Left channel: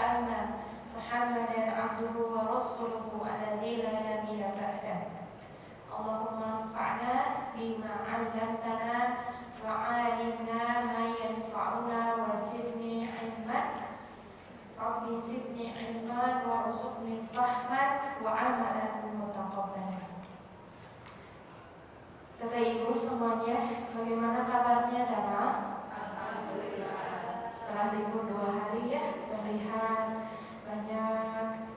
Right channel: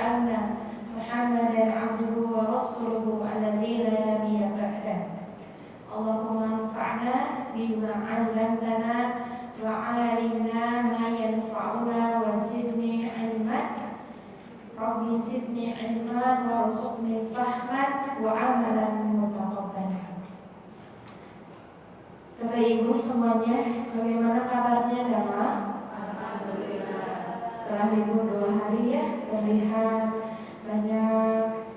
anna Muhammadan abduhu wa rasuluhu alladzi la nabiyya ba'dah. Allahumma anfa'na bima 'allamtana wa 'allimna ma yanfa'una wa zidni 'ilman. Rabbi zidni 'ilman warzuqni fahman wa 'amalan mutaqabbalan. Bapak Ibu semuanya, bagaimana kabarnya Dama? Alhamdulillah. Setelah libur 2 hari ya, terlihat banyak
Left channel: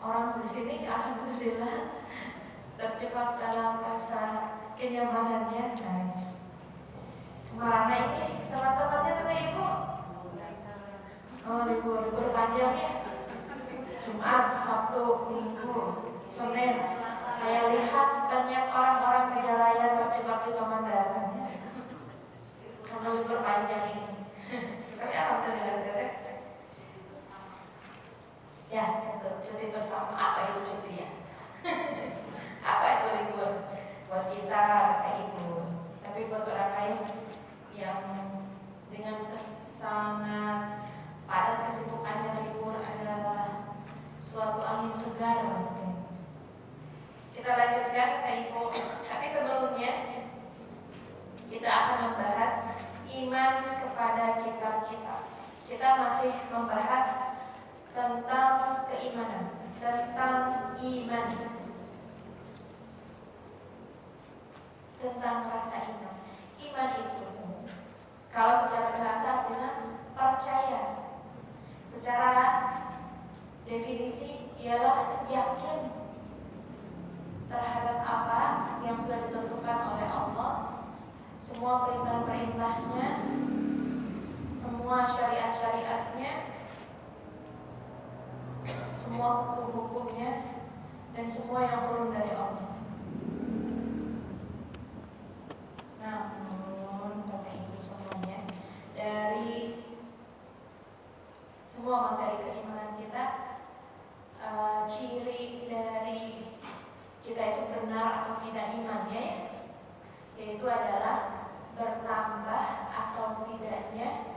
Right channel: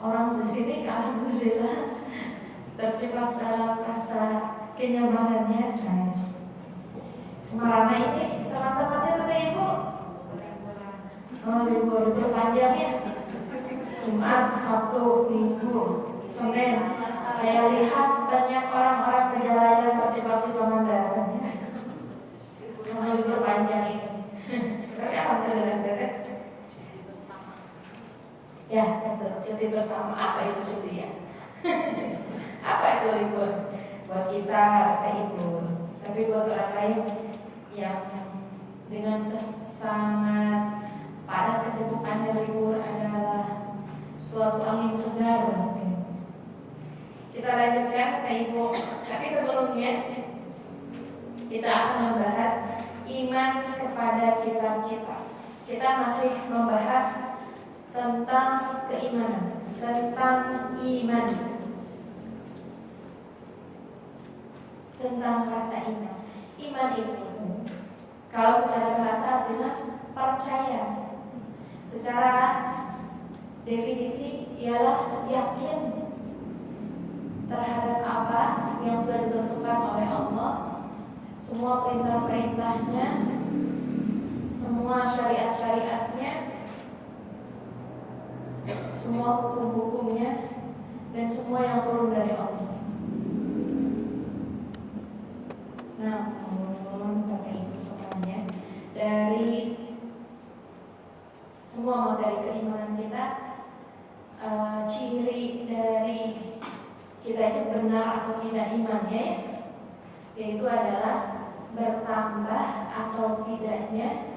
orang di sini, alhamdulillah terjebak dalam rasa kenyamanannya. Nice. Kemana ini teman-temannya Bapak Ibu? Oh, libur panjang ya. Jumat, Sabtu, Minggu, Senin. Saya lihat banyak orang-orang Majalaya terjebak di Pangandaran ya. Karena libur panjang ini. Tapi alhamdulillah teteh. Ya, betul. Cuti bersama. Apa itu cuti ya? Apa itu libur? Buat kita libur. Tapi buat orang lain yang dengan sangat padat kesibukannya, libur adalah suatu angin segar mungkin. Kita lanjutkan Kata Ibu. Tapi sebelumnya kita akan membahas iman kepada kitab-kitab. Kita masih membahas tentang keimanan, tentang iman, tentang rasa iman. Iman itu kalau secara bahasa artinya percaya. Secara definisi ialah yakin terhadap apa yang sudah ditentukan oleh Allah, semua perintah-perintahnya, semua syariat-syariatnya, semua hukum-hukumnya, dan semua yang turun dari Allah. Namun kata Ibu semuanya, dari semua materi keimanan kita, ciri dari kita itu benar atau tidak imannya ya, yaitu adalah bertambah atau tidaknya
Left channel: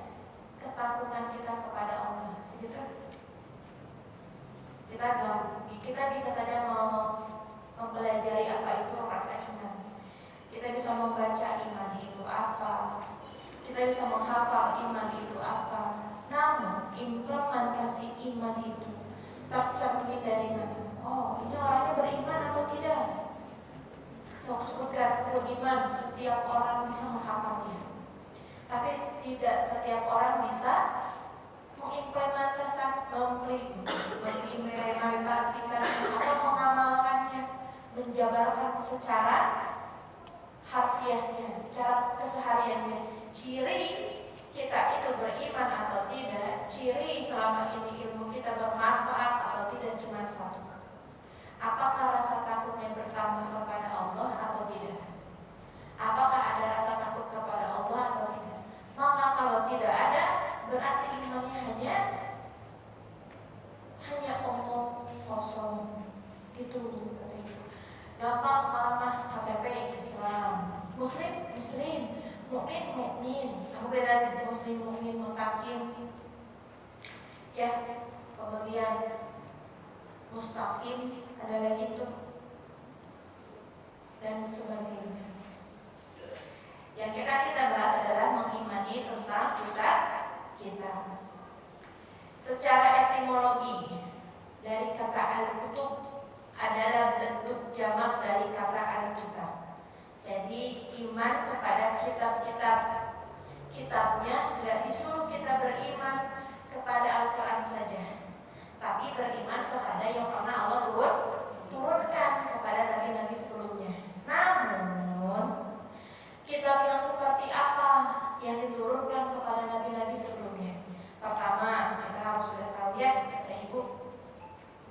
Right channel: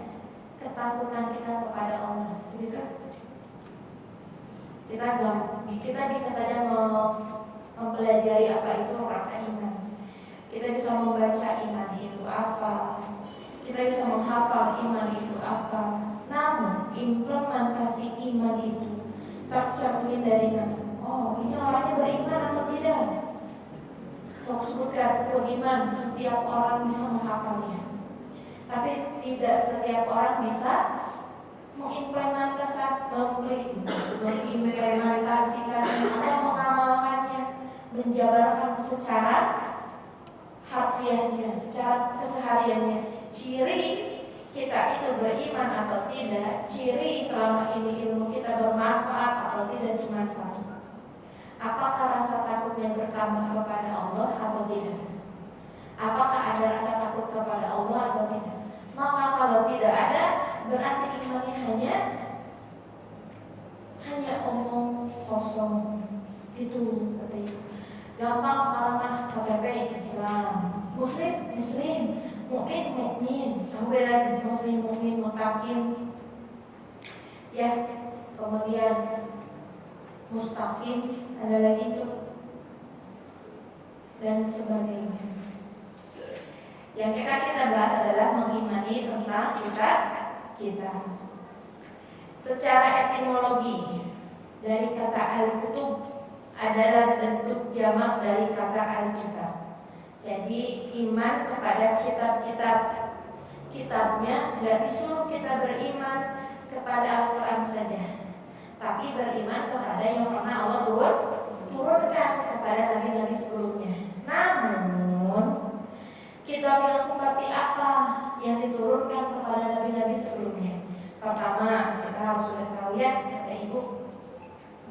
ketakutan kita kepada Allah. Segitu. Kita bisa saja mempelajari apa itu rasa iman. Kita bisa membaca iman itu apa. Kita bisa menghafal iman itu apa. Namun implementasi iman itu tercermin dari mana? Oh, ini orangnya beriman atau tidak? Sebutkan beriman, setiap orang bisa menghafalnya. Tapi tidak setiap orang bisa mengimplementasikannya atau mengamalkannya, menjabarkan secara harfiahnya, secara kesehariannya. Ciri kita itu beriman atau tidak, ciri selama ini ilmu kita bermanfaat atau tidak, cuma satu. Apakah rasa takutnya bertambah kepada Allah atau tidak? Apakah ada rasa takut kepada Allah atau tidak? Maka kalau tidak ada, berarti imannya hanya omong kosong. Itu kata Ibu. Gampang sekarang mah KTP Islam, Muslim, mukmin. Kamu beda Muslim, mukmin, mutakin. Ya, kemudian mustaqim, ada lagi itu dan sebagainya. Yang kita bahas adalah mengimani tentang kita. Secara etimologi dari kata al-kutub adalah bentuk jamak dari kata al-kitab. Jadi iman kepada kitabnya, nggak disuruh kita beriman kepada Al-Quran saja, tapi beriman kepada yang pernah Allah turunkan kepada nabi-nabi sebelumnya. Namun kitab yang seperti apa yang diturunkan kepada nabi-nabi sebelumnya? Pertama, kita harus sudah tahu ya, kata Ibu,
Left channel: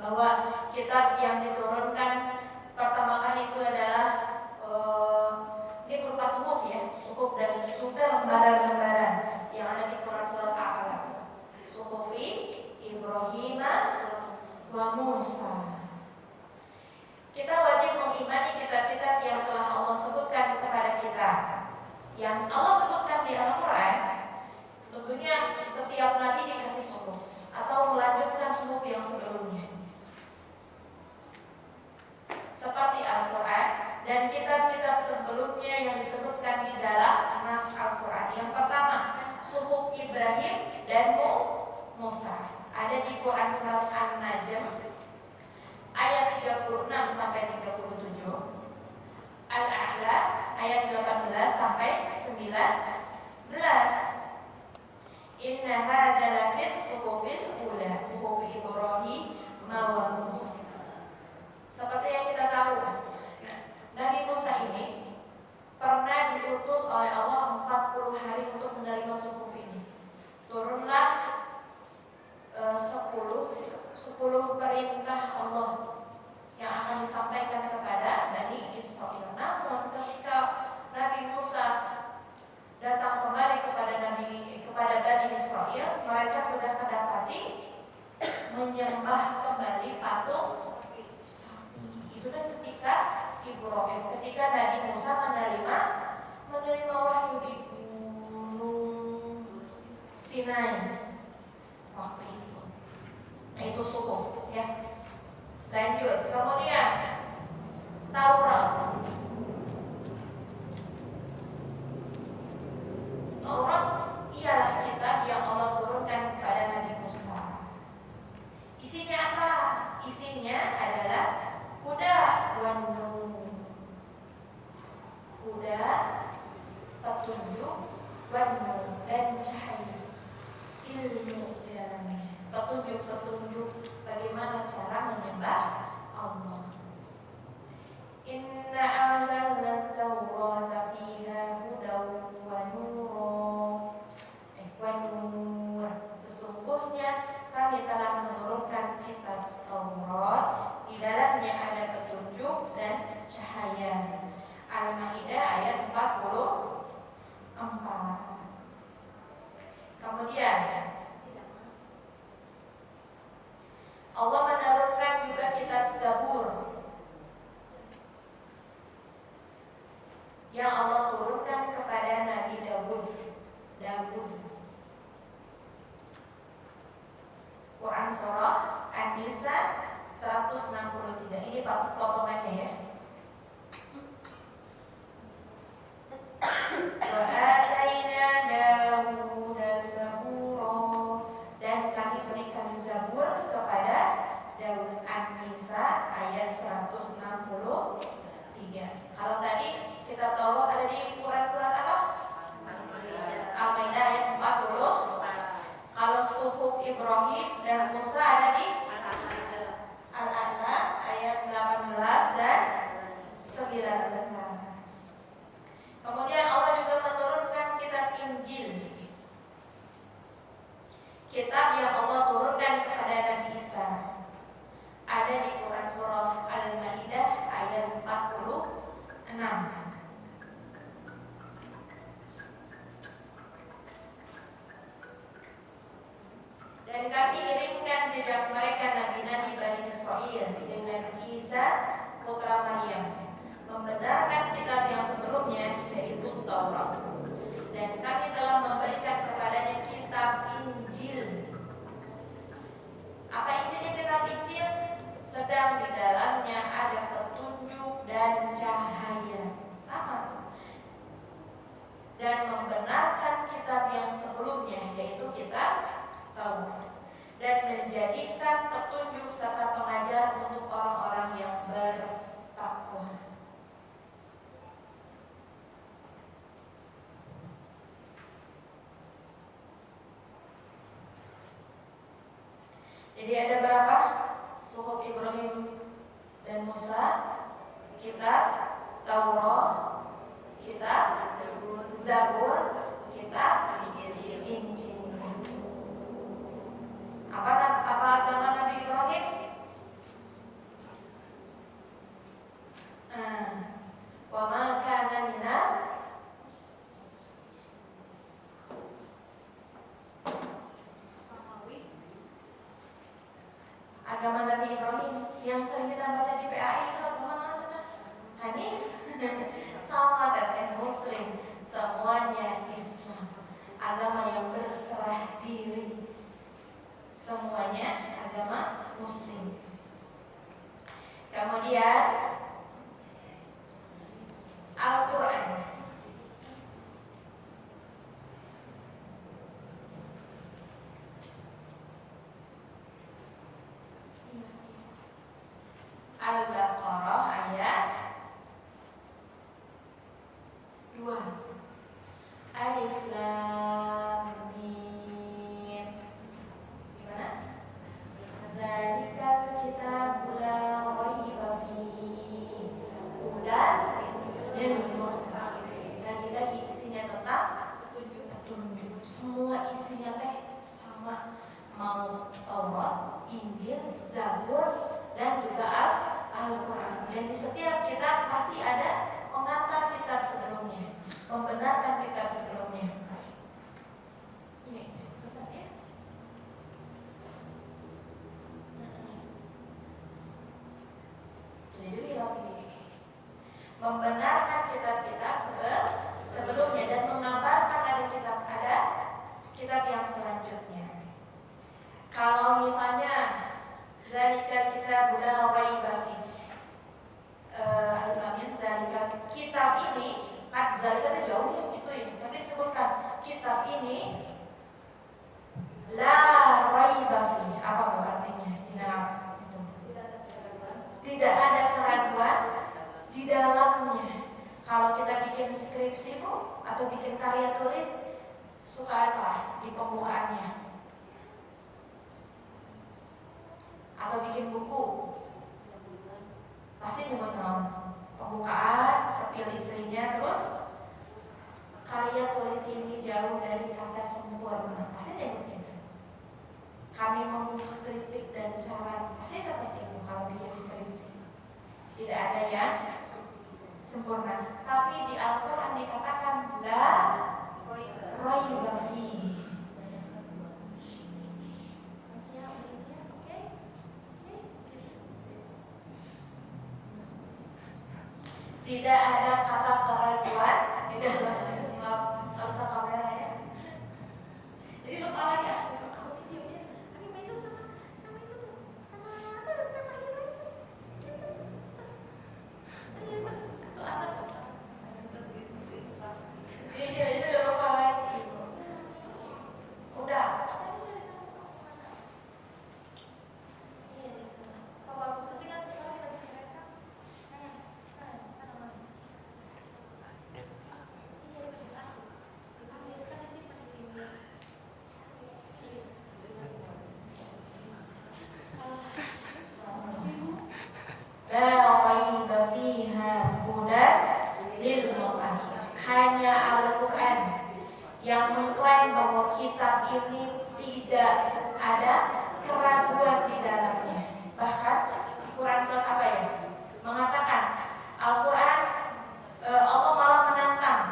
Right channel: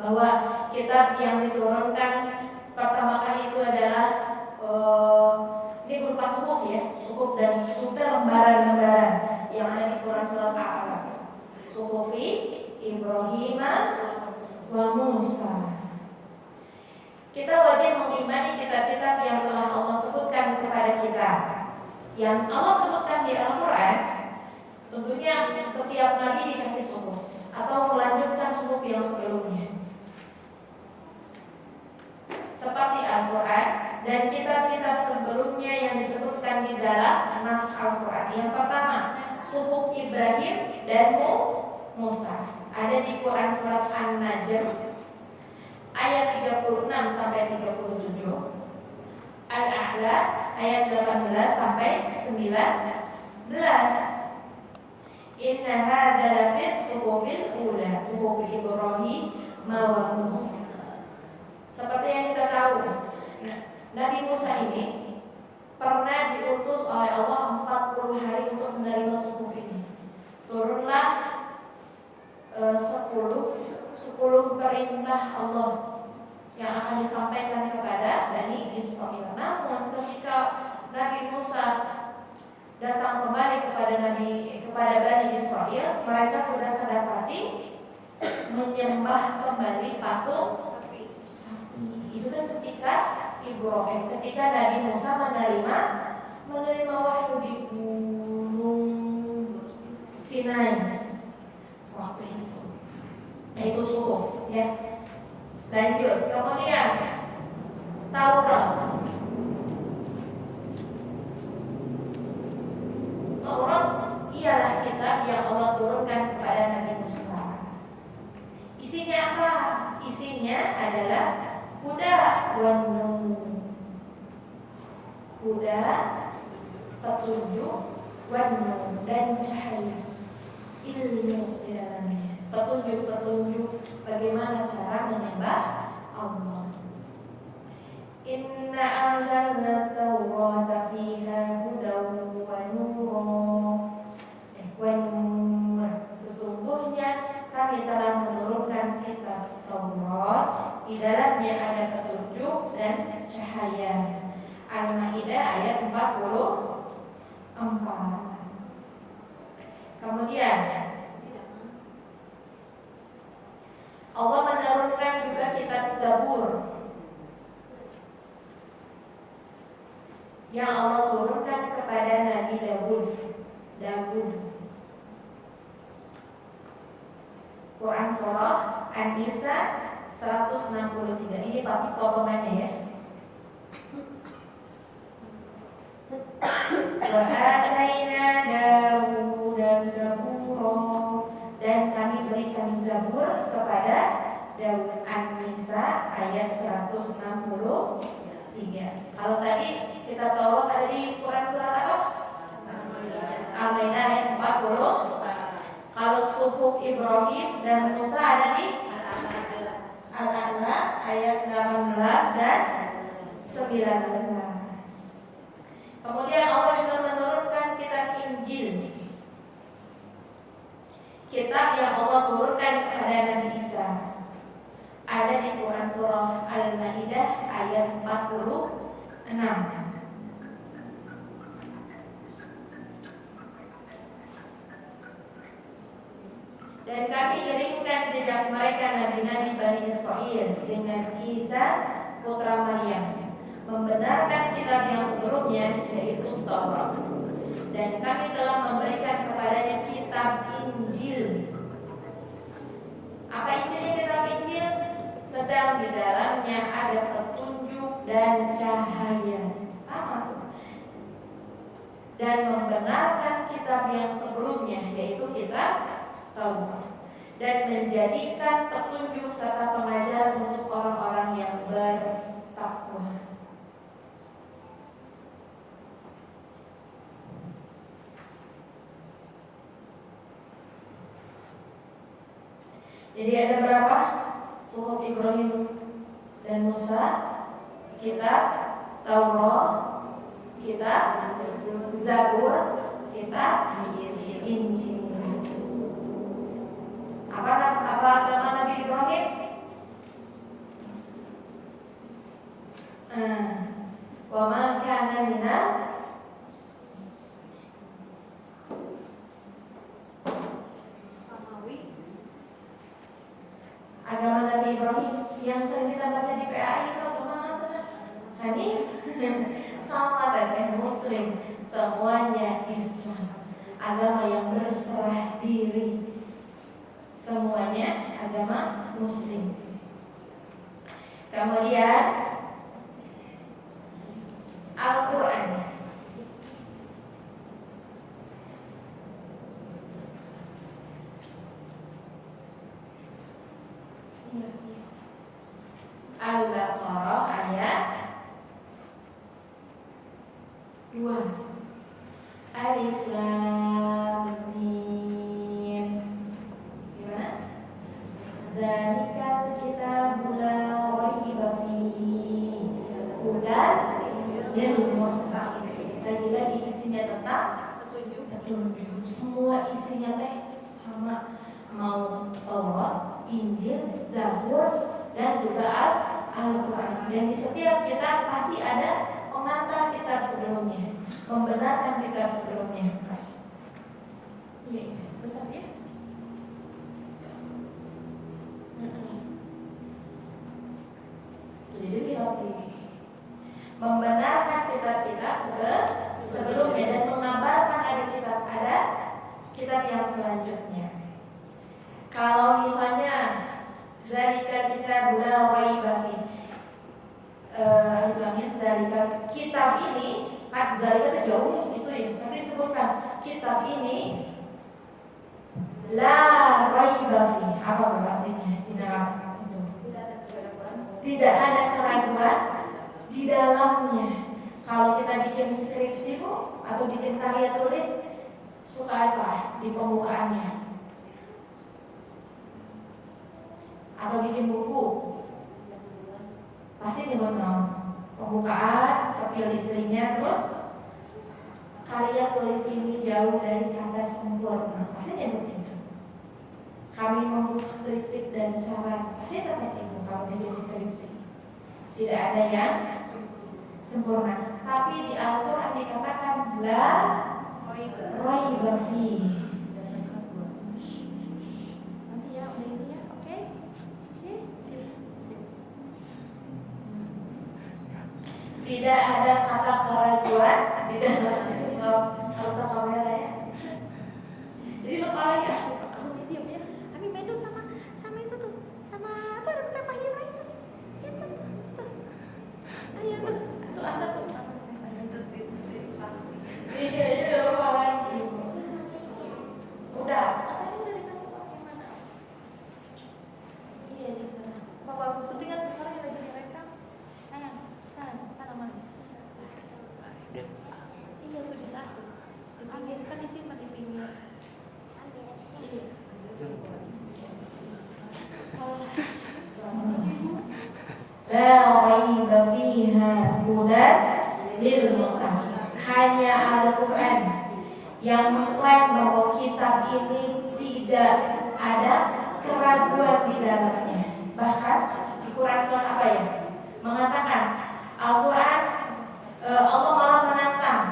bahwa kitab yang diturunkan pertama kali itu adalah ini berupa suhuf ya, suhuf dan lembaran-lembaran yang ada di Quran surat Al-Alaq. Suhufi Ibrahim wa Musa. Kita wajib mengimani kitab-kitab yang telah Allah sebutkan kepada kita. Yang Allah sebutkan di Al-Quran, tentunya setiap nabi dikasih suhuf atau disebutkan di dalam nas Al-Quran. Yang pertama, suhuf Ibrahim dan Musa. Ada di Quran surat An-Najm ayat 36 sampai 37, Al-A'la ayat 18 sampai 19. Inna hadza lafis suhufil ula, suhuf Ibrahim wa Musa. Seperti yang kita tahu, Nabi Musa ini pernah diutus oleh Allah 40 hari untuk menerima suhuf ini. Turunlah 10 perintah Allah yang akan disampaikan kepada Bani Israil. Namun ketika Nabi Musa datang kembali kepada Bani Israil, mereka sudah kedapati menyembah kembali patung sapi. Itu kan ketika Nabi Musa menerima wahyu di Gunung Sinai waktu itu. Nah, itu suhuf ya. Lanjut, kemudian Taurat. Taurat ialah kitab yang Allah turunkan kepada Nabi Musa. Isinya apa? Isinya adalah huda wan nur. Huda, petunjuk, wan nur, dan cahaya. Ilmu di dalamnya. Petunjuk-petunjuk bagaimana cara menyembah Allah. Inna anzalna Taurata fiha hudaw wa nur. Sesungguhnya kami telah menurunkan kitab Taurat, di dalamnya ada petunjuk dan cahaya. Al-Maidah ayat 44. Kemudian Allah menurunkan juga kitab Zabur yang Allah turunkan kepada Nabi Daud. Quran surah An-Nisa 163. Ini potongannya ya. Wa ataina Dawud zabura, dan kami berikan Zabur kepada Daud. An-Nisa ayat 163. Kalau tadi kita tahu ada di Quran surat apa? Al-Maidah ayat 40. Kalau suhuf Ibrahim dan Musa ada di Al-A'la ayat 18 dan 19. Kemudian Allah juga menurunkan kitab Injil, kitab yang Allah turunkan kepada Nabi Isa. Ada di Quran surah Al-Maidah ayat 46. Dan kami iringkan jejak mereka nabi-nabi Bani Israil dengan Isa putra Maryam, membenarkan kitab yang sebelumnya, yaitu Taurat. Dan kami telah memberikan kepadanya kitab Injil. Apa isinya kitab Injil? Sedang di dalamnya ada petunjuk dan cahaya. Sama tuh. Dan membenarkan kitab yang sebelumnya, yaitu kitab Taurat, dan menjadikan petunjuk serta pengajaran untuk orang-orang yang bertakwa. Jadi ada berapa? Suhuf Ibrahim dan Musa, kitab Taurat, kitab Zabur, kitab Injil. Apa agama Nabi Ibrahim? Wa ma kana minal agama Nabi Ibrahim yang sering kita baca di PAI itu agama apa? Hanif. Sama teteh Muslim, semuanya Islam. Agama yang berserah diri. Semuanya agama Muslim. Kemudian Al-Quran Al-Baqarah ayat 2. Alif Lam Mim. Gimana? Dzalikal kitabu la raiba fihi hudan lil muttaqin. Lagi-lagi isinya tetap petunjuk. Semua isinya teh sama, mau Taurat, Injil, Zabur dan juga Al-Quran. Dan di setiap kitab pasti ada pengantar kitab sebelumnya, membenarkan kitab sebelumnya. Iya, bentar ya. Jadi lagi membenarkan kitab-kitab sebelumnya dan mengabarkan ada kitab yang selanjutnya. Kalau misalnya zalika kitabul la raiba fihi, zalika kitab ini kan zalika itu jauh ya itu ya, tapi disebutkan kitab ini la raiba fihi. Apa artinya? Tidak ada keraguan di dalamnya. Kalau kita bikin skripsi Bu atau bikin karya tulis, suka apa di pembukaannya? Atau bikin buku, pasti nyebut pembukaan, sepil istrinya, terus karya tulis ini jauh dari kata sempurna, pasti nyebut itu. Kami membuka kritik dan saran, pasti seperti itu kalau bikin skripsi. Tidak ada yang sempurna. Tapi di Al-Quran dikatakan la raiba fihi. Nanti ya, udah ini ya, oke? Tidak ada kata keraguan di dalamnya. Nggak usah kamera ya. Jadi lupa lagi aku diam ya. Ami main dulu sama itu tuh, sama apa ada Teh Fahira itu. Itu tuh. Ayo tuh antar tuh. Iya, udah lupa lagi. Udah, katanya udah dikasih tahu gimana. Iya di sana. Papa aku syutingan sekarang lagi direkam. Sayang, sana mana? Iya tuh di tas tuh. Di pinggir kan disimpan di pinggir. Iya. La raiba fiha hudan lil muttaqin. Hanya Al-Quran yang mengklaim bahwa kitab ini tidak ada keraguan di dalamnya. Bahkan di Quran surat apa ya? Mengatakan Al-Quran, Allah malah menantang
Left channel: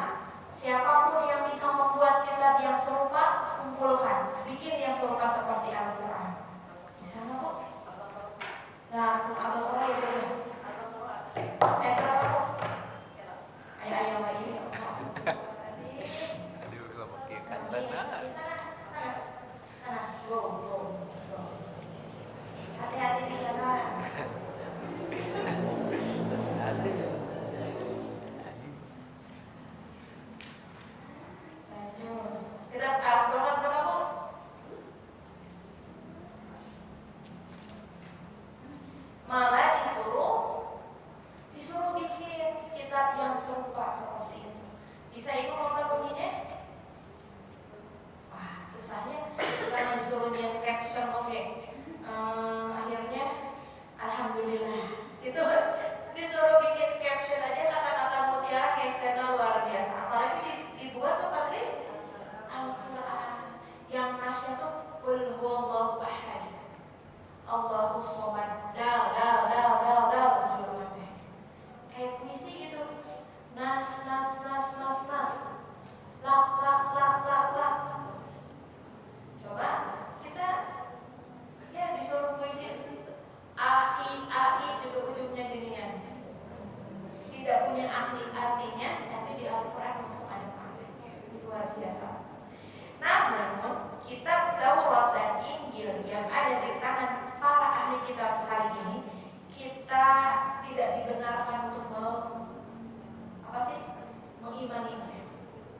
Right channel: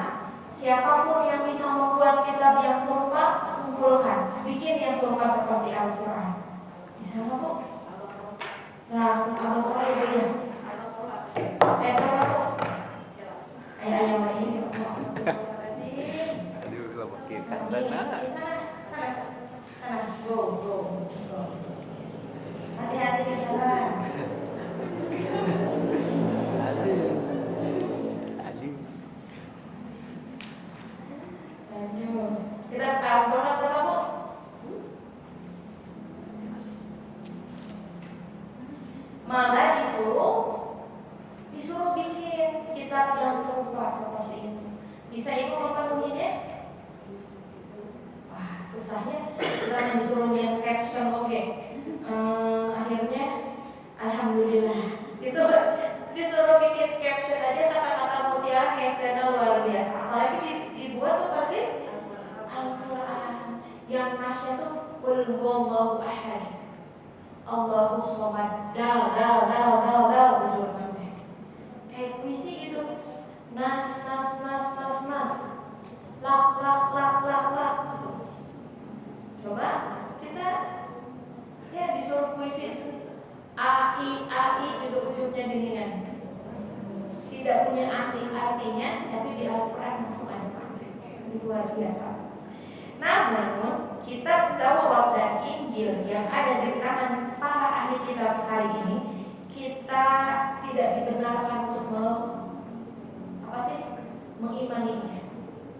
siapapun yang bisa membuat kitab yang serupa, kumpulkan, bikin yang serupa seperti Al-Quran. Di sana Bu. Nah, Al-Quran Ibu ya. Berapa Bu? Ayo ini. Aduh, kalau pakai kata nak. Sana, go. Hati-hati di jalan. Aduh. Lanjut. Kita berapa Bu? Malah disuruh bikin kitab yang serupa seperti itu. Bisa Ibu memenuhinya? Wah, susahnya. Kita disuruh nyen caption oke. Akhirnya alhamdulillah. Itu disuruh bikin caption aja kata-kata mutiara captionnya luar biasa. Apalagi dibuat seperti Al-Quran yang nasnya tuh qul huwallahu ahad. Allahu somad. Dal betul banget. Kayak puisi gitu. Nas. Lak. Coba kita ya disuruh puisi AI juga ujungnya geningan. Tidak punya artinya, tapi di Al-Quran langsung ada maknanya. Ini luar biasa. Namun kitab Taurat dan Injil yang ada di tangan para ahli kitab hari ini, kita tidak dibenarkan untuk mengimaninya.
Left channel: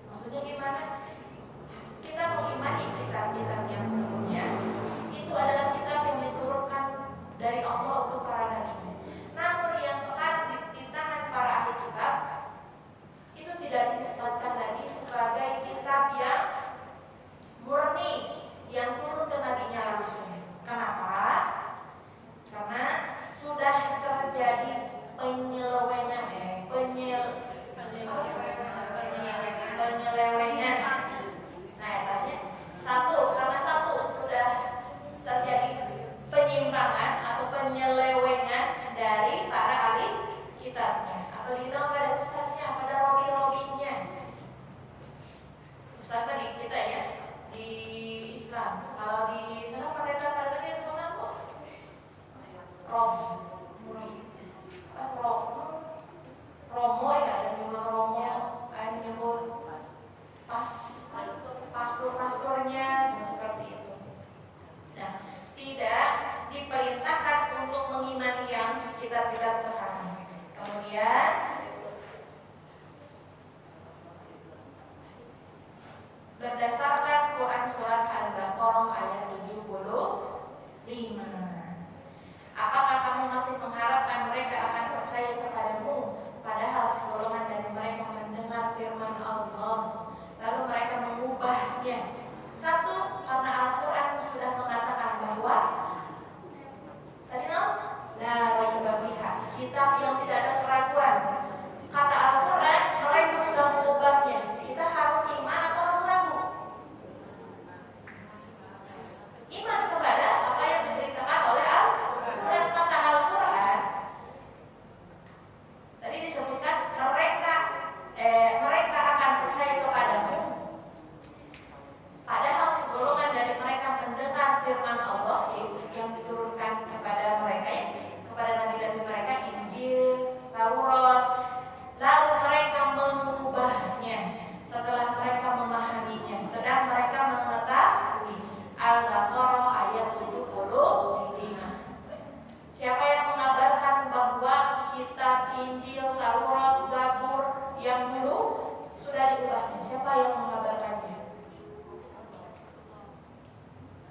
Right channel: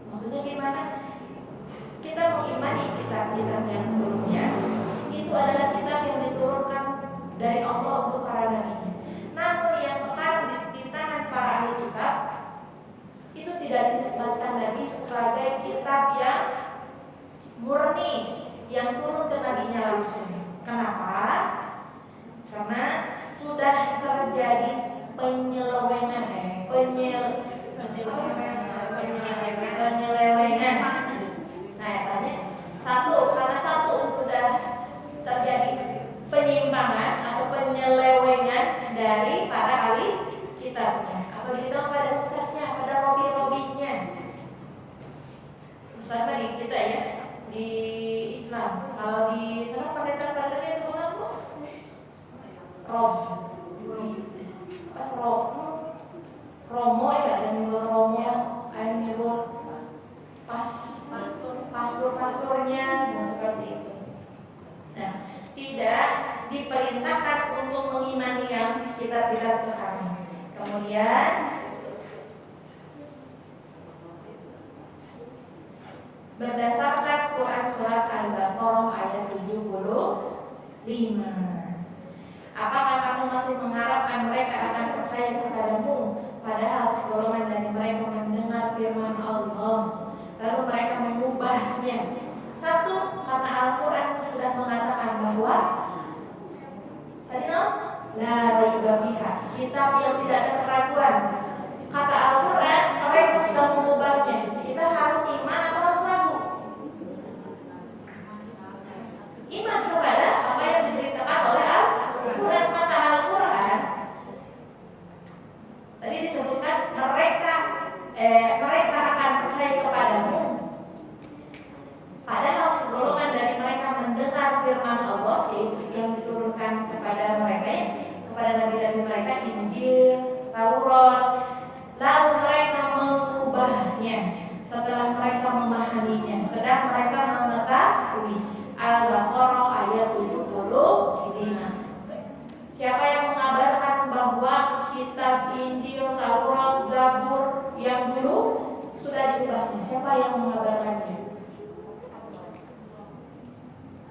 Maksudnya gimana? Kita mengimani kitab-kitab yang sebelumnya itu adalah kitab yang diturunkan dari dinisbatkan Nabi sebagai kitab yang murni, yang turun ke nabinya langsung. Kenapa? Karena sudah terjadi penyelewengan. Nah, tanya karena sudah terjadi penyimpangan atau penyelewengan dari para ahli kitabnya, atau dihitung pada ustadznya, pada robi-robinya. Ustadz di kita ya, di Islam. Kalau di sana pendeta-pendetanya disebut apa? Romo ya, ada nyebut Romo, ada nyebut pastor-pastornya, seperti itu. Nah, tidak diperintahkan untuk mengimani yang kitab-kitab sekarang. Kemudian berdasarkan Quran surat Al-Baqarah ayat 75, apakah kamu masih mengharapkan mereka akan percaya kepadamu, padahal segolongan dari mereka mendengar firman Allah lalu mereka mengubahnya? Satu, karena Al-Quran sudah mengatakan bahwa tadi la raiba fiha, kitab yang tidak ada keraguan. Kata Al-Quran, mereka sudah mengubahnya. Kita harus iman atau harus ragu? Iman kepada apa yang diberitakan oleh Al-Quran. Kata Al-Quran tadi disebutkan mereka akan percaya kepadamu, padahal segolongan dari mereka mendengar firman Allah, yaitu yang diturunkan kepada mereka, ya, kepada nabi-nabi mereka, Injil, Taurat, lalu mereka mengubahnya setelah mereka memahaminya, sedang mereka mengetahui. Al-Baqarah ayat 75. Siapa yang mengabarkan bahwa kitab Injil, Taurat, Zabur yang dulu sudah diubahnya? Siapa yang mengabarkannya?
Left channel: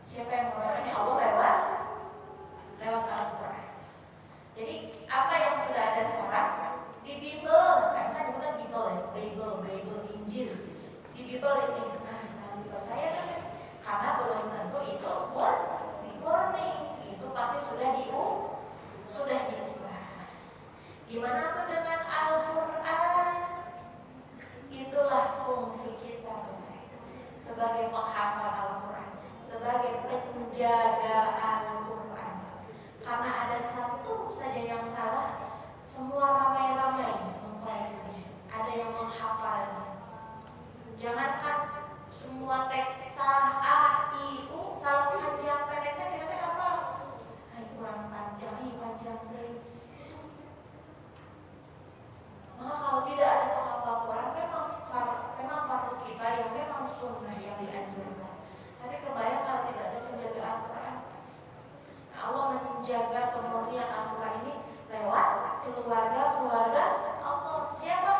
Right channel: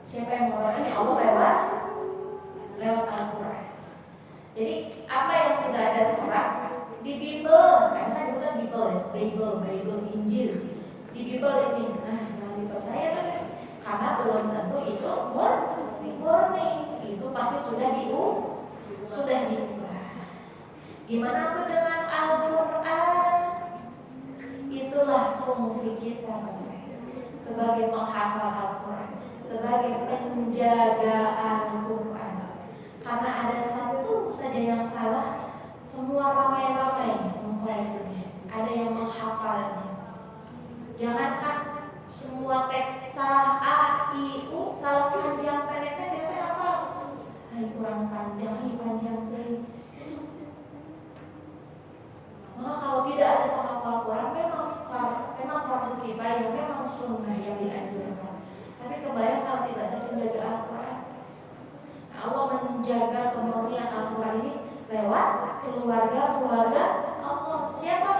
Siapa yang mengabarkannya? Allah lewat Al-Quran. Jadi apa yang sudah ada sekarang di Bible, karena kan juga Bible, Injil. Di Bible ini, jangan dipercaya kan? Karena belum tentu itu murni. Itu pasti sudah diubah. Gimana tuh dengan Al-Quran? Itulah fungsi kita sebagai penghafal Al-Quran, sebagai penjaga Al-Quran. Karena ada satu saja yang salah, semua ramai-ramai mempelajarinya. Ada yang menghafalnya. Jangankan semua teks salah A, I, U, salah panjang pendeknya kita apa? Kurang panjang, panjang deh. Maka kalau tidak ada penghafal Quran, memang fardu kifayah, memang sunnah yang dianjurkan. Tapi kebayang kalau tidak ada penjaga Al-Quran. Allah menjaga kemurnian Al-Quran ini lewat keluarga Allah. Siapa?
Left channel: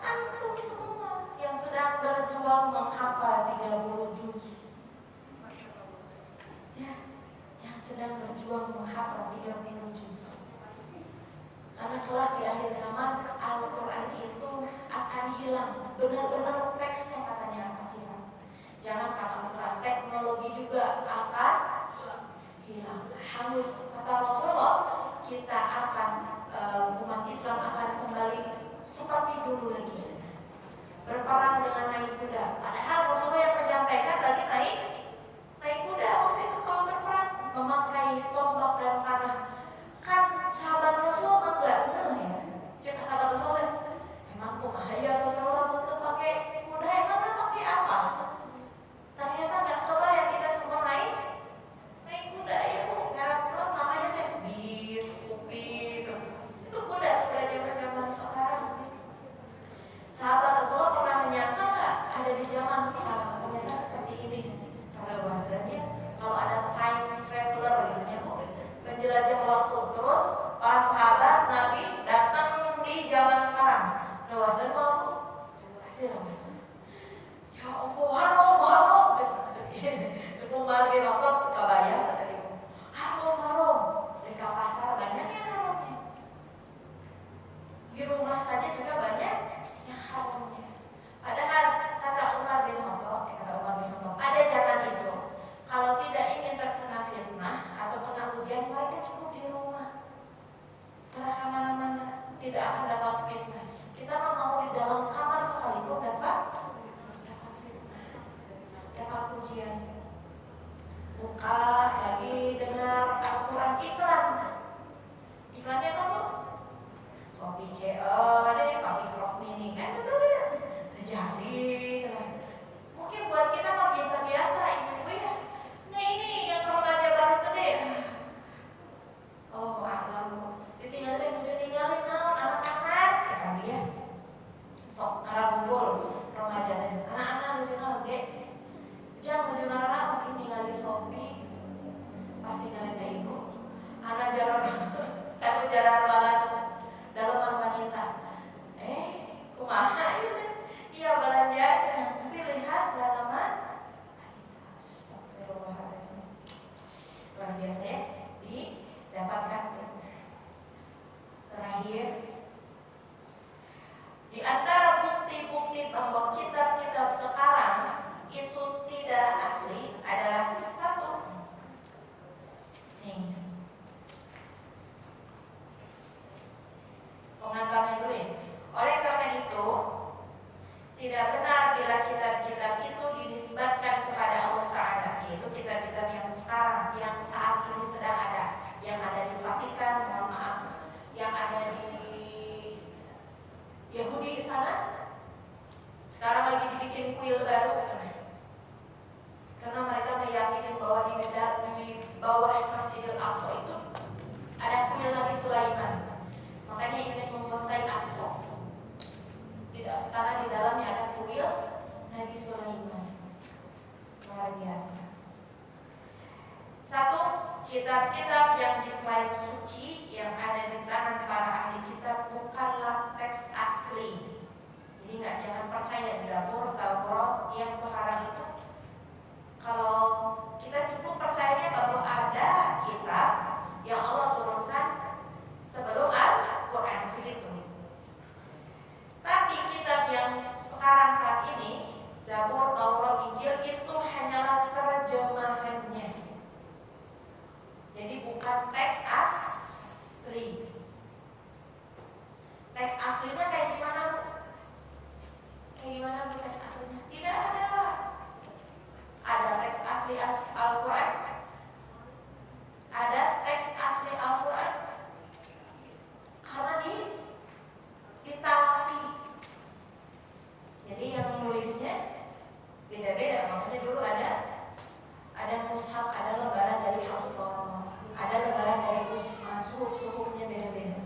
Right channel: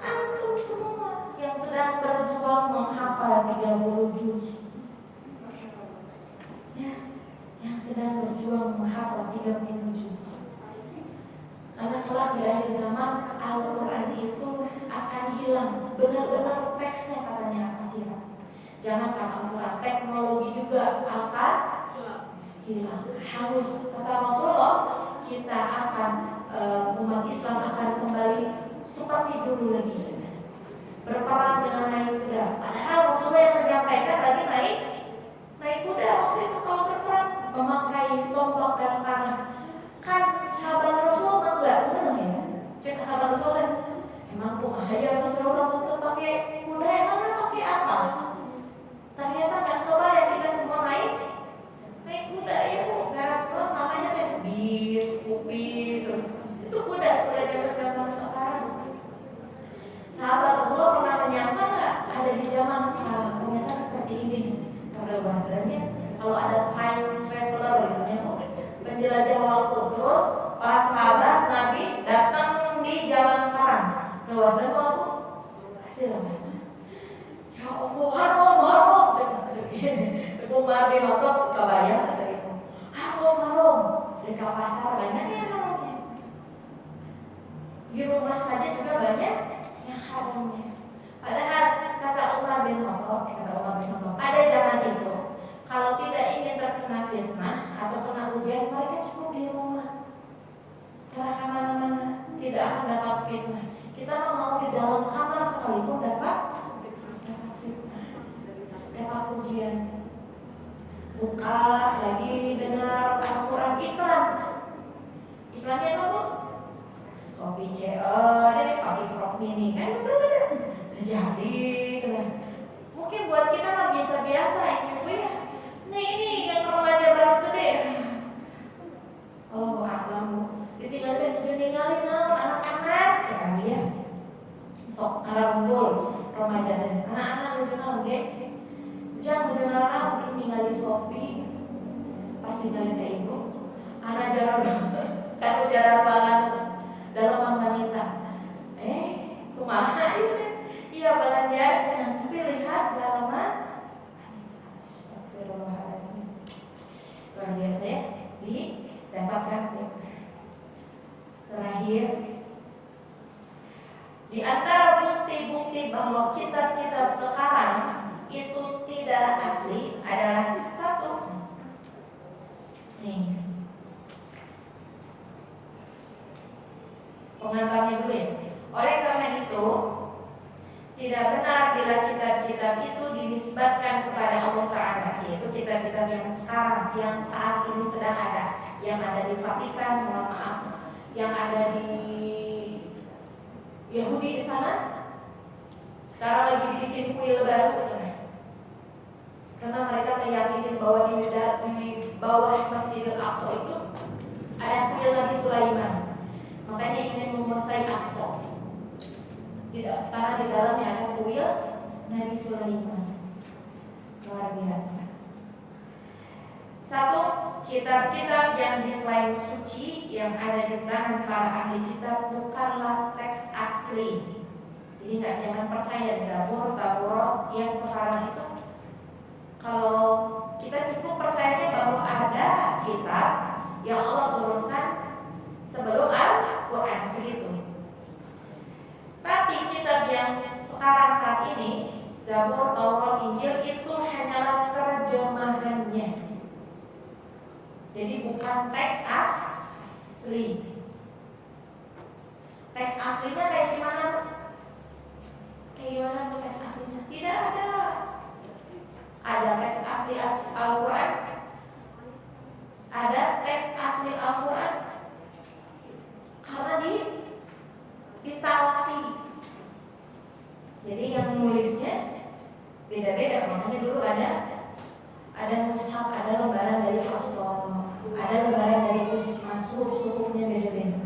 Antum semua yang sedang berjuang menghafal 30 juz. Ya, yang sedang berjuang menghafal 30 juz. Karena kelak di akhir zaman Al-Quran itu akan hilang. Benar-benar teksnya katanya akan hilang. Jangankan Al-Quran, teknologi juga akan hilang, hangus. Kata Rasulullah, kita akan umat Islam akan kembali seperti dulu lagi, berperang dengan naik kuda. Padahal Rasulullah yang menyampaikan lagi naik kuda. Waktu itu kalau berperang memakai tombak dan panah. Kan sahabat Rasul enggak ya. Cek sahabat Rasul, emang ya Rasulullah untuk pakai kuda, emangnya pakai apa? Ternyata nggak kebayang kita semua naik kuda ya bu. Merek namanya kayak bis, Scoopy itu kuda zaman sekarang. Sahabat Rasulullah pernah menyangka nggak ada di zaman sekarang ternyata seperti ini. Pada bahasanya kalau ada time traveler gitu ya, penjelajah waktu. Terus para sahabat Nabi datang di zaman sekarang. Bahasanya waktu hasil bahasa. Ya Allah, haram. Umar bin Khattab kebayang kata ibu. Haram. Di pasar banyak yang haramnya. Di rumah saja juga banyak yang haramnya. Padahal tidak akan dapat fitnah. Kita mau di dalam kamar sekalipun dapat fitnah, dapat ujian. Buka lagi dengar Al-Quran iklan. Iklannya apa bu? Shopee COD pakai Frog Mini kan, betul kan? Terjadi. Mungkin buat kita mah biasa-biasa ibu ya. Nah ini yang remaja baru gede. Oh alam, ditinggalin naon anak-anak, jangan dia. Sok ngumpul remaja tadi, anak-anak nuju naon ge. Jangan nuju naon ini ningali Shopee. Pasti nyari teh ibu. Anak jarang, kan jarang banget dalam wanita. Kumaha itu? Iya belanja, tapi lihat dalaman wanita. Astagfirullahaladzim. Luar biasa ya, didapatkan. Terakhir, di antara bukti-bukti bahwa kitab-kitab sekarang itu tidak asli adalah satu. Nih, pengantarnya dulu ya. Oleh karena itu, tidak benar bila kitab-kitab itu dinisbatkan kepada Allah Ta'ala, yaitu kitab-kitab yang sekarang, yang saat ini sedang ada, yang ada di Vatikan, mohon maaf, yang ada di Yahudi sana. Sekarang lagi dibikin kuil baru, karena mereka meyakini bahwa di bawah Masjidil Aqsa itu ada kuil Nabi Sulaiman. Makanya ingin menguasai Aqsa. Karena di dalamnya ada kuil Nabi Sulaiman. Luar biasa. Satu, kitab-kitab yang diklaim suci yang ada di tangan para ahli kitab bukanlah teks asli. Jadi jangan percaya Zabur, Taurat yang sekarang itu. Kalau kita cukup percayanya bahwa ada kitab yang Allah turunkan sebelum Al-Quran segitu. Tapi kitab yang sekarang saat ini, Zabur, Taurat, Injil itu hanyalah terjemahannya. Jadi bukan teks asli. Teks aslinya kayak gimana? Kayak gimana bu teks aslinya? Tidak ada. Ada teks asli Al-Quran? Ada teks asli Al-Quran? Karena ditalapi. Jadi yang nulisnya beda-beda. Makanya dulu ada mushaf, ada lembaran dari Hafsah, ada lembaran dari Usman. Suhuf-suhufnya beda-beda.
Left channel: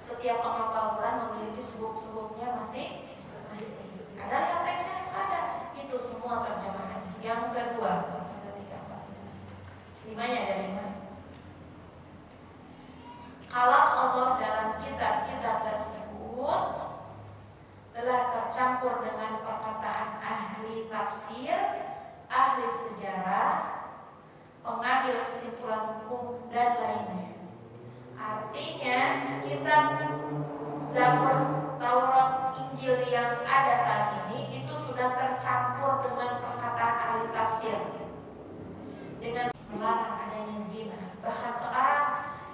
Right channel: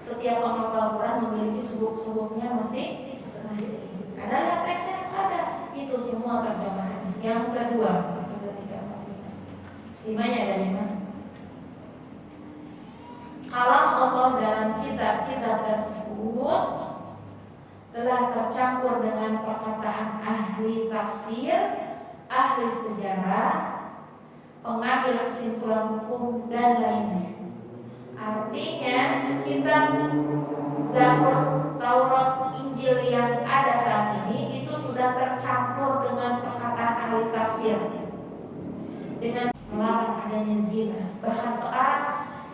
Setiap penghafal Quran memiliki suhuf-suhufnya masing. Ada yang teksnya ada. Itu semua terjemahan. Yang kedua, 1, 2, 3, 4, 5. Limanya ada 5. Kalam Allah dalam kitab-kitab tersebut telah tercampur dengan perkataan ahli tafsir, ahli sejarah, pengambil kesimpulan hukum dan lainnya. Artinya kitab Zabur, Taurat, Injil yang ada saat ini itu sudah tercampur dengan perkataan ahli tafsir, dengan melarang adanya zina. Bahkan sekarang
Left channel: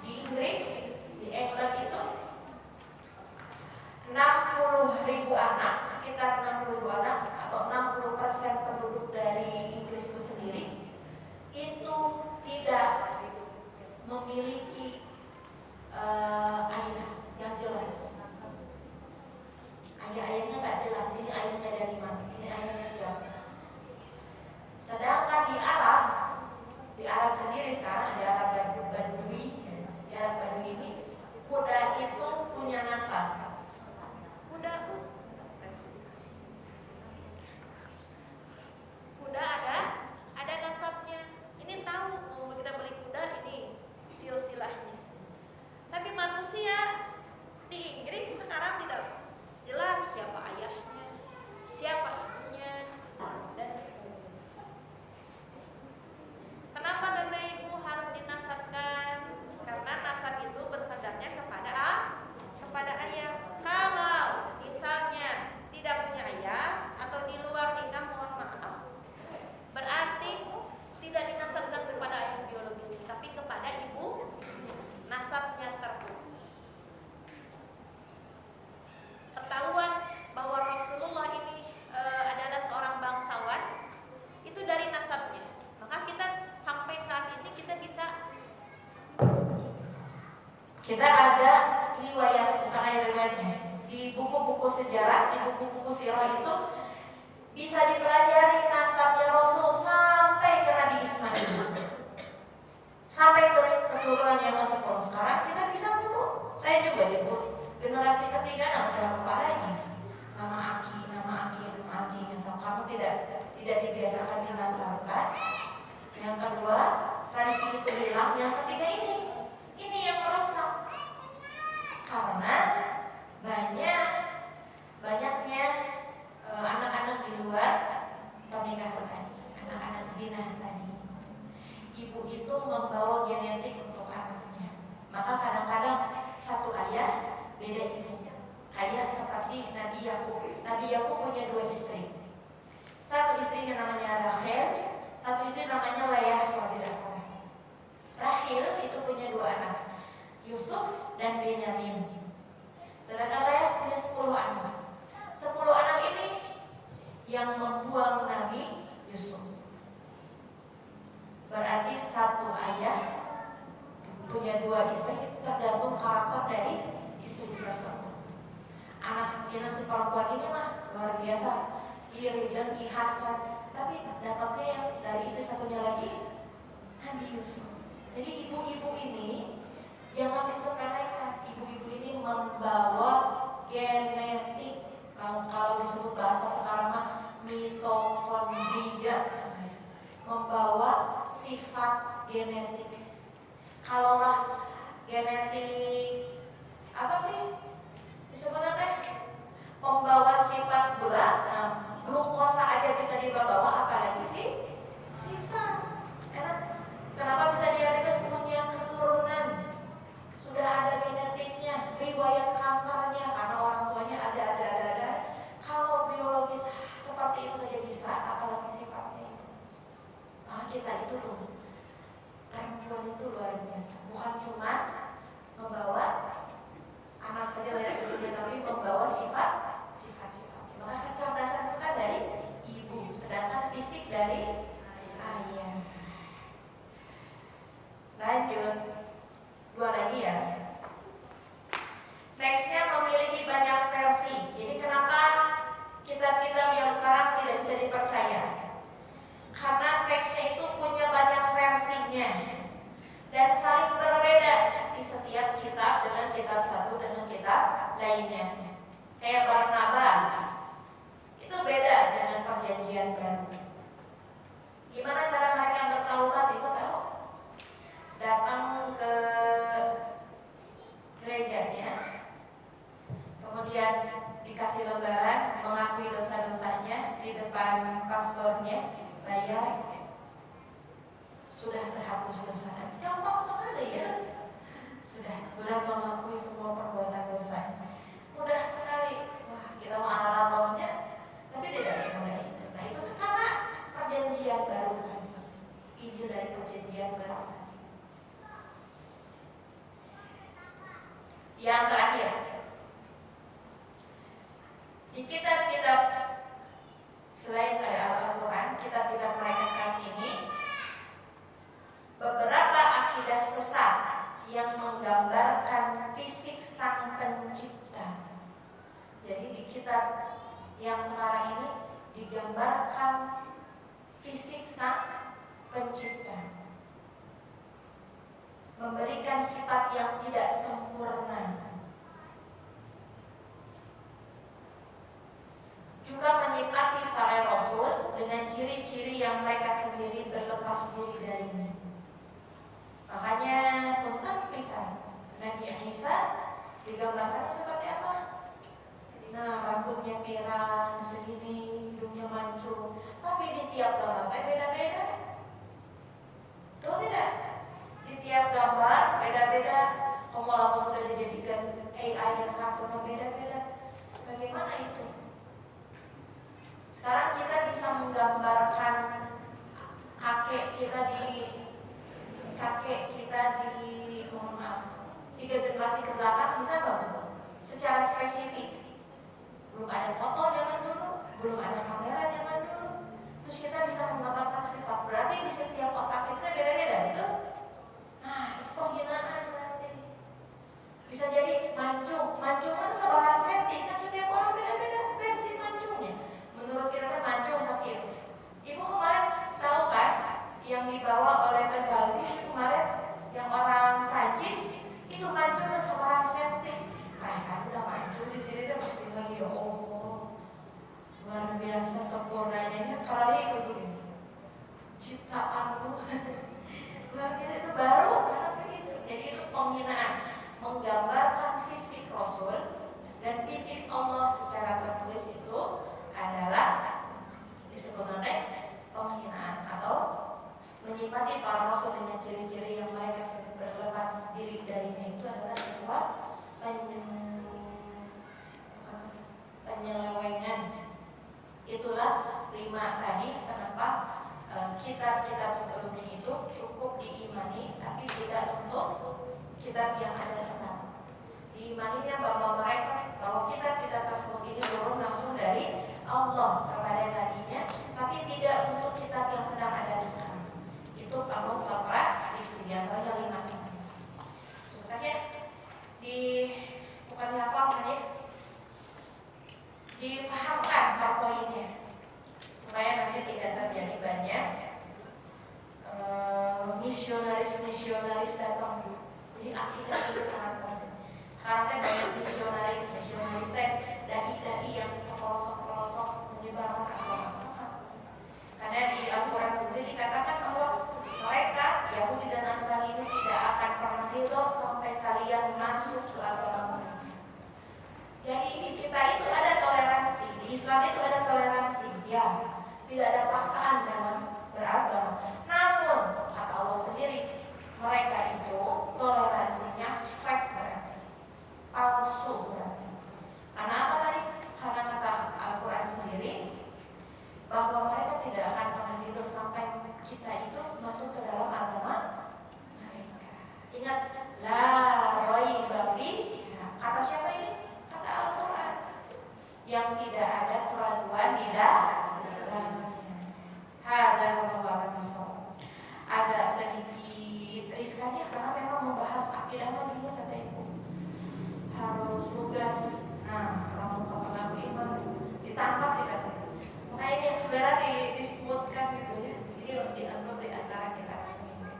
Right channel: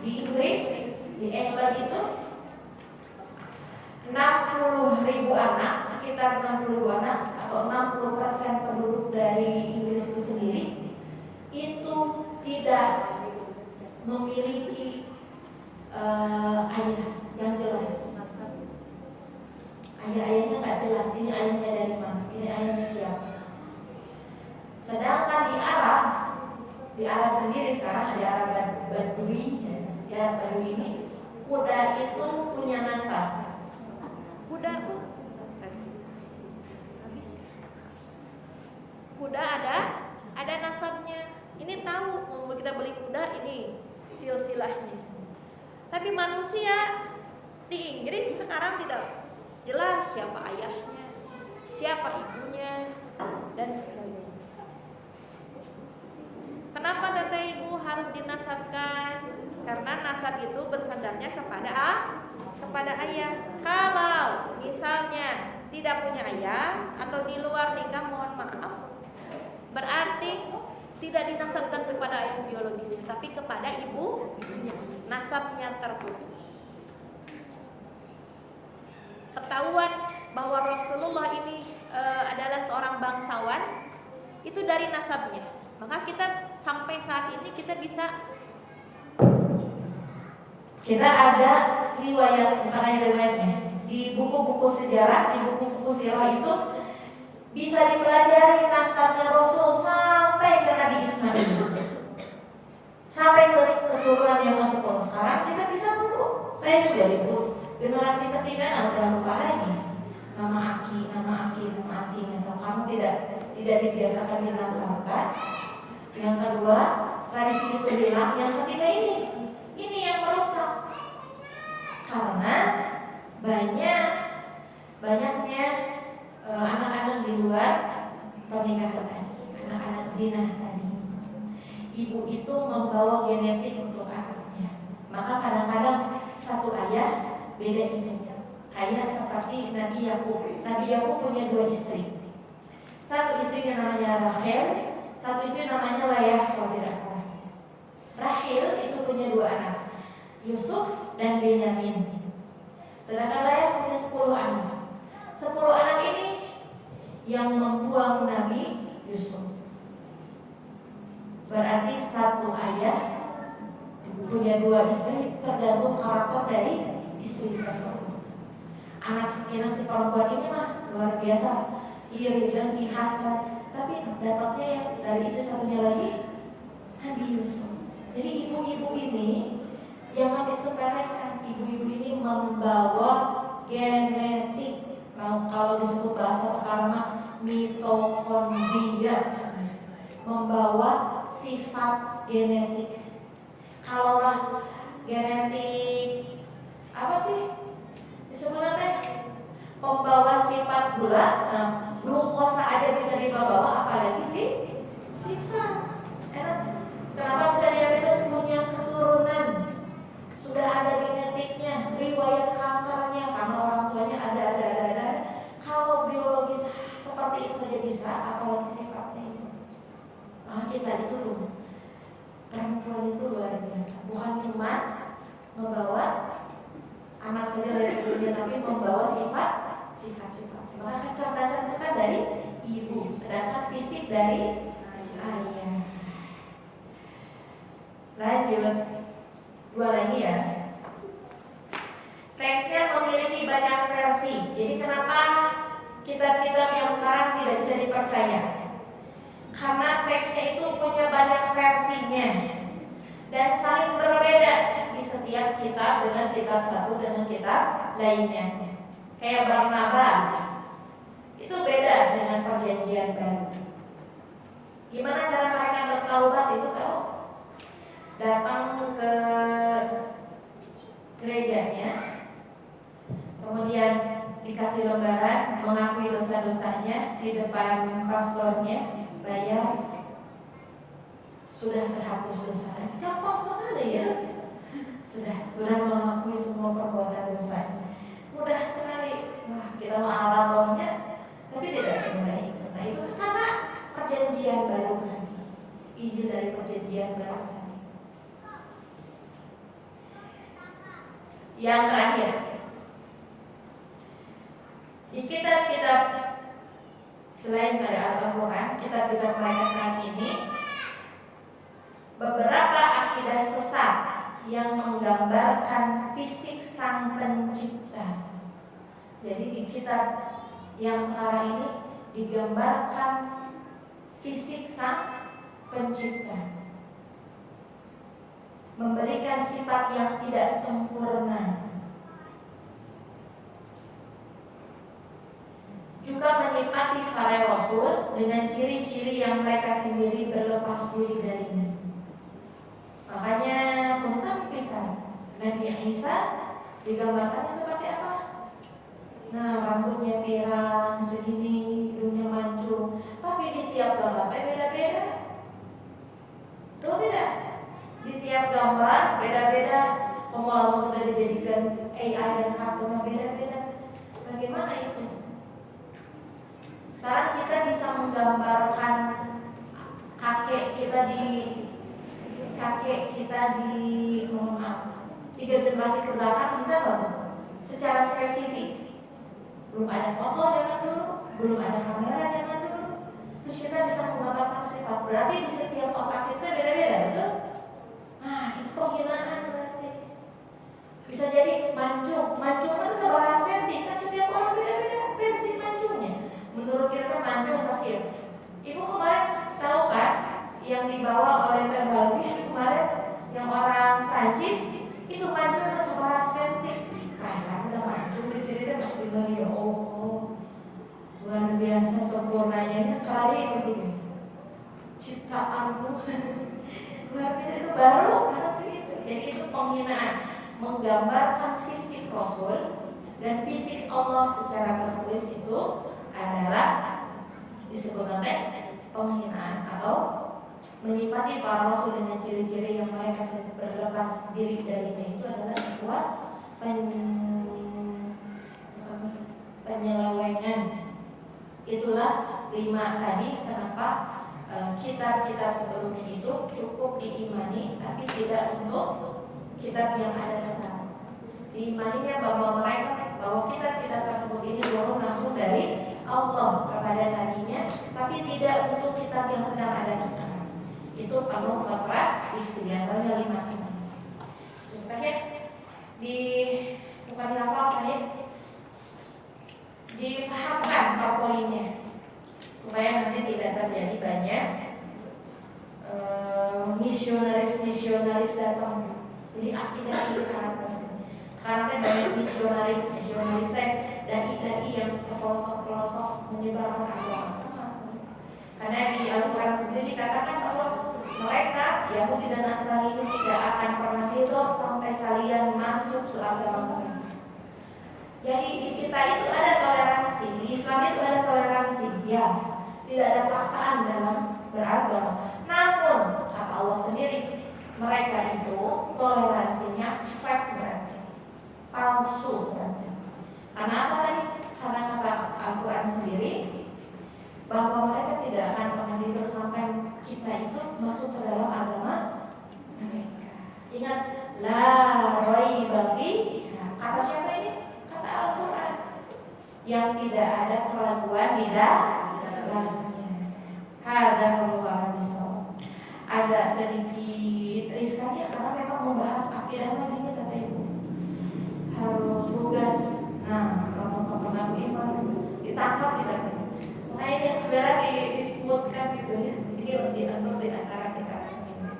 di Inggris, di England itu 60.000 anak, sekitar 60.000 anak atau 60% penduduk dari Inggris itu sendiri itu tidak memiliki ayah yang jelas. Ayah-ayahnya nggak jelas. Ini ayahnya dari mana? Ini ayahnya siapa? Sedangkan di Arab sendiri sekarang ada Arab Badui. Di Arab Badui ini kuda itu punya nasab. Kuda ada nasabnya. Ini tahu mau kita beli kuda ini silsilahnya. Tapi manusia di Inggris sekarang tidak jelas siapa ayahnya, siapa ibunya, dan sebagainya. Kenapa tete ibu harus dinasabkan? Karena nasab itu bersandarnya kepada ayah. Kalau misalnya tidak punya ayah atau di luar nikah, mohon maaf, berarti tidak dinasabkan kepada ayah biologisnya, tapi kepada ibunya. Nasabnya terputus. ketahuan bahwa Rasulullah ini adalah seorang bangsawan itu dari nasabnya. Maka kita sampai saat ini kita ada riwayat, bukan hanya riwayatnya, di buku-buku sejarah, di buku-buku sirah itu bisa dipelajari nasabnya Rasul sampai ke Nabi Ismail, sampai ke keturunan yang ke-10. Sekarang kita bisa butuh. Saya juga itu generasi ketiga, udah lupa lagi nama aki. Atau kamu tidak dibiasakan dinasabkan. Yang kedua, tradisi itu hilang. Yang ketiga ini yang merusak. Karena banyaknya anak-anak di luar pernikahan tadi, anak-anak zina tadi. Ibu itu membawa genetik untuk anaknya. Maka kadang-kadang satu ayah beda ibunya. Kayak seperti Nabi Yakub. Nabi Yakub punya 2 istri. Satu istrinya namanya Rachel, satu istri namanya Leah kalau tidak salah. Rachel itu punya 2 anak, Yusuf dan Benyamin. Sedangkan Leah punya 10 anak. 10 anak ini yang membuang Nabi Yusuf. Berarti satu ayah punya 2 istri, tergantung karakter dari istri tersebut. Anak si perempuan ini mah luar biasa, iri, dengki, hasad, tapi dapatnya yang dari istri satunya lagi Nabi Yusuf. Jadi ibu-ibu ini jangan disepelekan. Ibu-ibu ini membawa genetik, kalau disebut bahasa sekarang mah mitokondria, membawa sifat genetik. Kalaulah genetik apa sih disebutnya teh, pembawa sifat gula, glukosa aja bisa dibawa, apalagi sih sifat. Kenapa bisa diabetes? Punya keturunan, sudah ada genetiknya, riwayat kankernya karena orang tuanya ada. Kalau biologis seperti itu saja bisa, apalagi sifatnya itu. Nah kita itu tuh perempuan itu luar biasa, bukan cuma membawa anak saja dari dunia, tapi membawa sifat-sifatnya. Maka kecerdasan itu kan dari ibu, sedangkan fisik dari ayah. Lanjut, 2 lagi ya. Teksnya memiliki banyak versi. Jadi kenapa kitab-kitab yang sekarang tidak bisa dipercaya? Karena teksnya itu punya banyak versinya dan saling berbeda di setiap kitab dengan kitab satu dengan kitab lainnya. Kayak Barnabas itu beda dengan Perjanjian Baru. Gimana cara mereka bertaubat itu tahu? Datang ke gerejanya, kemudian dikasih lembaran, mengakui dosa-dosanya di depan pastornya, bayar, sudah terhapus dosa lagi. Gampang sekali ya. Sudah mengakui semua perbuatan dosanya. Mudah sekali. Wah, kita mau maratonnya, tapi tidak semudah itu. Nah, itu karena Perjanjian Baru tadi, Injil dari Perjanjian Baru tadi. Yang terakhir, di kitab-kitab selain pada Al-Quran, kitab-kitab mereka saat ini, beberapa akidah sesat yang menggambarkan fisik Sang Pencipta. Jadi di kitab yang sekarang ini digambarkan fisik Sang Pencipta, memberikan sifat yang tidak sempurna, juga menyifati para rasul dengan ciri-ciri yang mereka sendiri berlepas diri darinya. Makanya tentang pisan Nabi Isa digambarkannya seperti apa? Nah, rambutnya pirang segini, hidungnya mancung, tapi di tiap gambar beda-beda. Betul tidak? Di tiap gambar beda-beda. Pengalaman sudah dijadikan AI dan kartunnya beda-beda. Bagaimana itu? Sekarang kita bisa menggambarkan kakek kita di 3 generasi ke belakang, bisa nggak? Secara spesifik Belum ada foto zaman dulu, belum ada kamera zaman dulu. Terus kita bisa menggambarkan sifat. Berarti di setiap otak kita beda-beda, betul? Nah, itu penghinaan berarti. Bisa jadi mancung itu sebuah senti, kan setiap orang beda-beda versi mancungnya. Menurut kita kan mancung sakit. Ibu kemarin tahu kan yang dibawa oleh Teh Balkis kemarin, yang orang Prancis itu mancungnya sebuah senti. Perasaan udah mancung di sini tuh mesti lagi luar biasa sempurnanya kali begini ciptaanmu. Luar biasa, itu baru harus segitu. Jadi itu penghinaan, menggambarkan fisik Rasul dan fisik Allah secara tertulis itu adalah disebut penghinaan atau menyifati para Rasul dengan ciri-ciri yang mereka berlepas diri darinya. Itu adalah sebuah penyelewengan. Itulah 5 tadi kenapa kitab-kitab sebelumnya itu cukup diimani, tapi tidak untuk kitab yang ada sekarang. Diimaninya bahwa kitab-kitab tersebut ini turun langsung dari Allah kepada nabinya, tapi tidak untuk kitab yang sedang ada sekarang. Itu Panu Fatra di antaranya 5 ini. Terakhir bukan dihafalkan ya, dipahamkan per poinnya supaya nanti tidak terjadi banyak misionaris datang. Jadi akidah itu sangat penting. Sekarang kan banyak misionaris dai yang ke pelosok-pelosok menyebarkan agama sama. Karena di Al-Quran sendiri dikatakan bahwa mereka Yahudi dan Nasrani itu tidak akan pernah ridho sampai kalian masuk ke agama mereka. Jadi di kita itu ada toleransi, di Islam itu ada toleransi, ya, tidak ada paksaan dalam beragama. Namun kata Allah sendiri, mereka itu toleransinya fake berarti, palsu berarti. Karena apa tadi? Karena kata Al-Quran sendiri bahwa mereka tidak akan pernah ridho sampai kita itu masuk ke dalam agama mereka. Ingat, la raiba fihi. Kata siapa ini? Kata Al-Quran, yang tidak ada keraguan di dalamnya. Hadza huwa bisawab. Ada sedikit riskan ya, karena memang membahas akidah lagi nih kata ibu. Harus lugas. Nah, kalau pernah iman ditangkap kita. Makanya ini yang sebenarnya disebutkan gitu ya. Ini diatur di antara kita semua.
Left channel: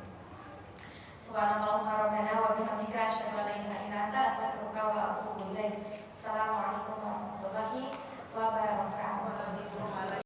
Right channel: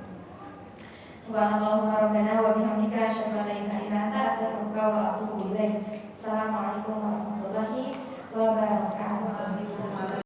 Subhanallah rabbana wa bihamdika asyhadu an la ilaha illa anta astaghfiruka wa atubu ilaik. Assalamualaikum warahmatullahi wabarakatuh.